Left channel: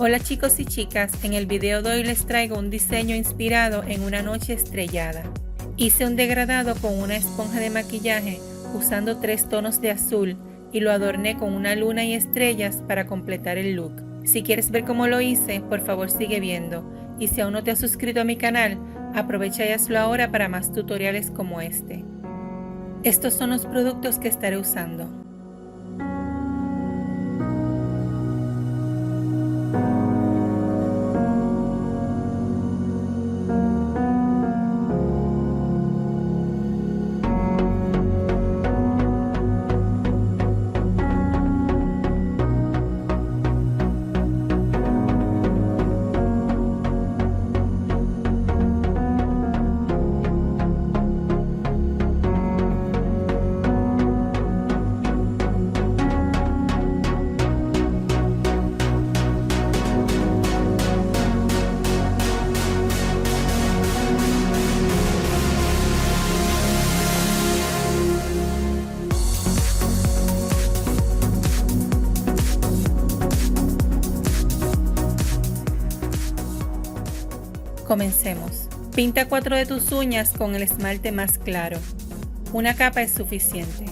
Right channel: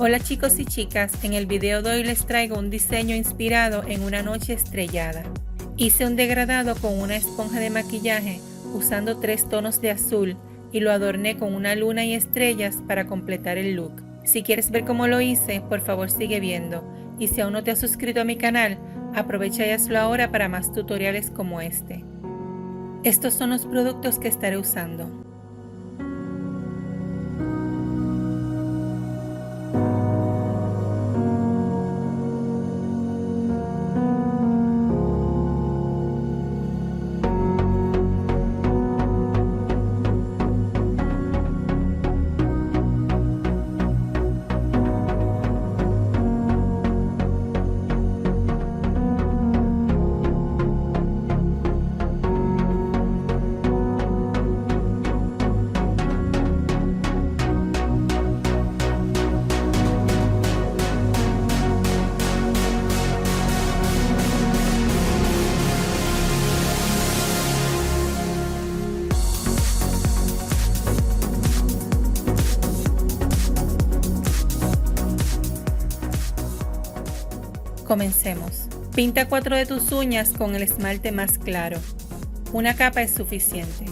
Hola chicos y chicas, en el video de hoy les traigo un diseño inspirado en una noche estrellada. Hice un degradado con una esponja de maquillaje usando 3 tonos de azul y lo adorné con una luna y estrellas para completar el look. Si quieres ver cómo lo hice, por favor sigue viendo, y si aún no te has suscrito a mi canal, aprovecha y hazlo ahora para más tutoriales como este. Estos son los productos que estaré usando. Comencemos. Pinta 4 de tus uñas con el esmalte más claro. Una capa es suficiente.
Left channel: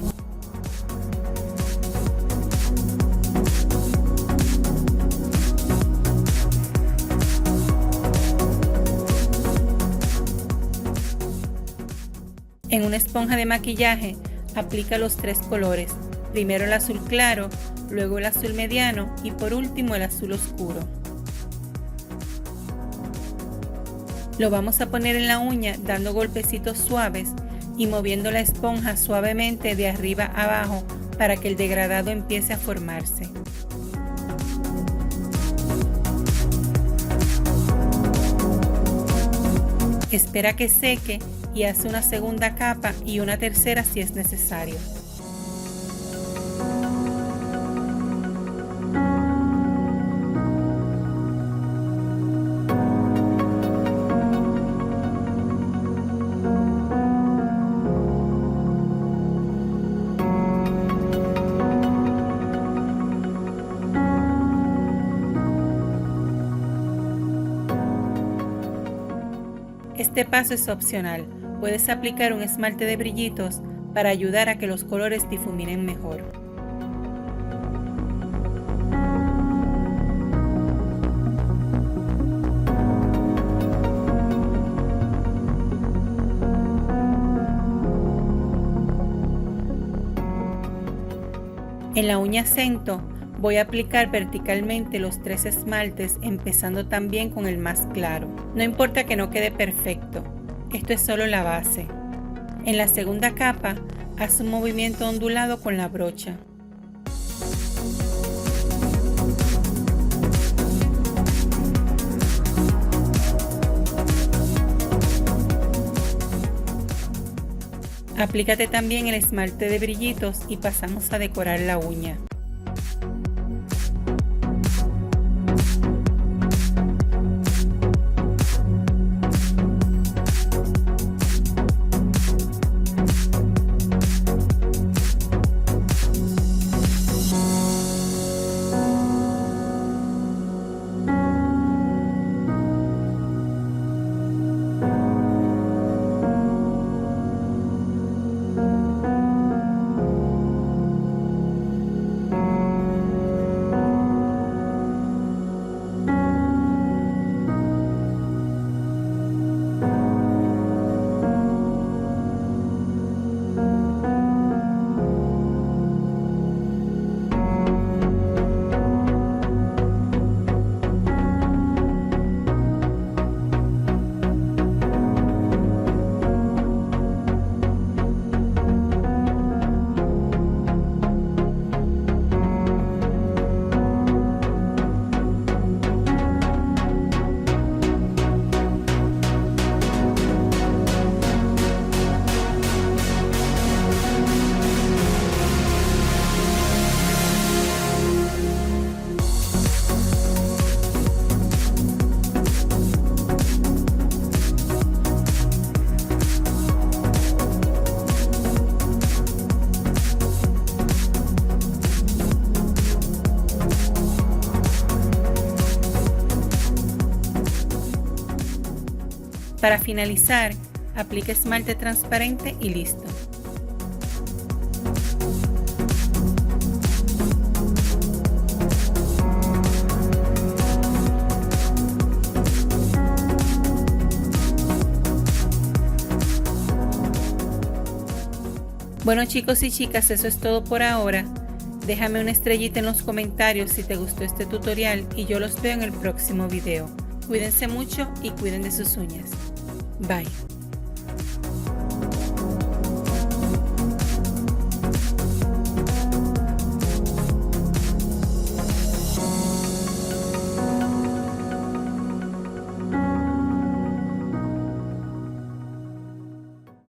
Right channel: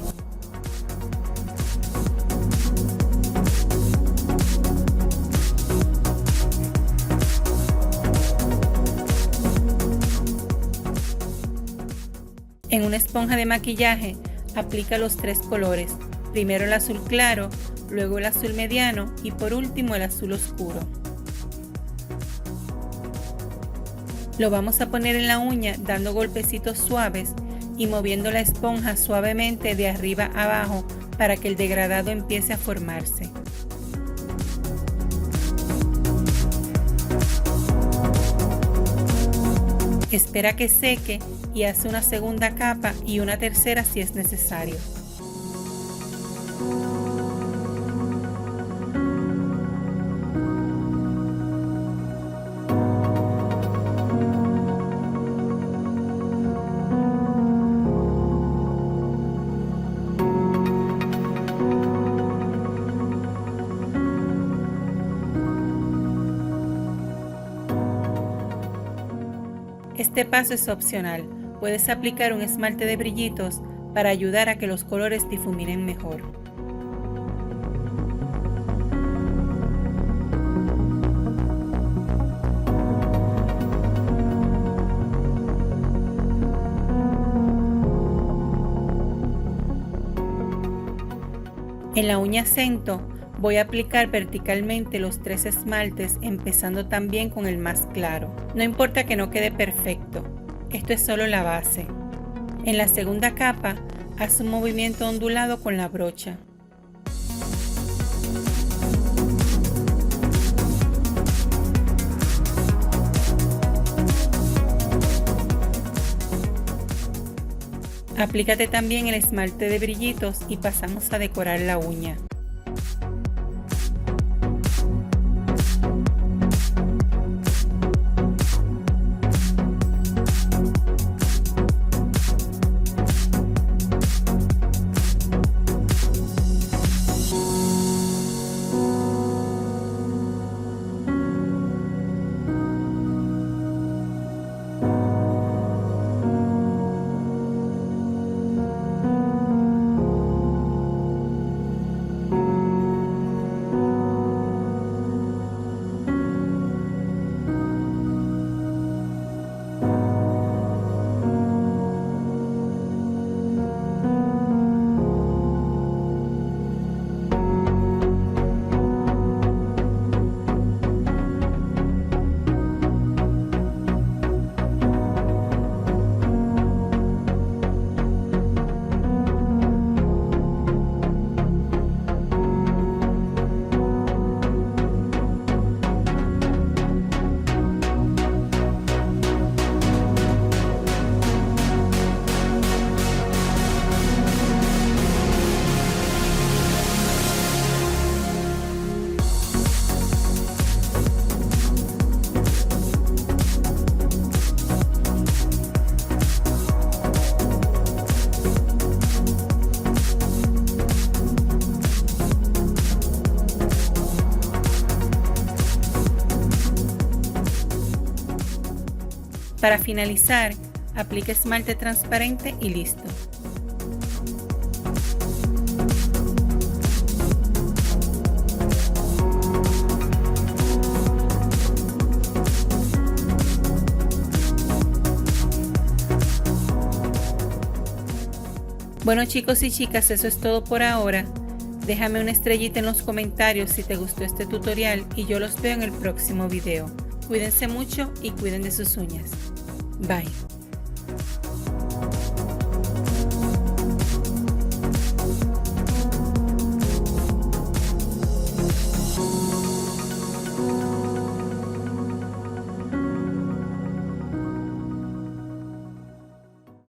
En una esponja de maquillaje, aplica los 3 colores. Primero el azul claro, luego el azul mediano y por último el azul oscuro. Lo vamos a poner en la uña dando golpecitos suaves y moviendo la esponja suavemente de arriba a abajo para que el degradado empiece a formarse. Espera que seque y haz una segunda capa y una tercera si es necesario. Este paso es opcional, puedes aplicar un esmalte de brillitos para ayudar a que los colores difuminen mejor. En la uña centro voy a aplicar verticalmente los 3 esmaltes, empezando también con el más claro. No importa que no quede perfecto, esto es solo la base. En la segunda capa, haz un movimiento ondulado con la brocha. Aplícate también el esmalte de brillitos y pasamos a decorar la uña. Para finalizar, aplique esmalte transparente y listo. Bueno chicos y chicas, eso es todo por ahora. Déjame una estrellita en los comentarios si te gustó este tutorial y yo los veo en el próximo video. Cuídense mucho y cuiden de sus uñas. Bye.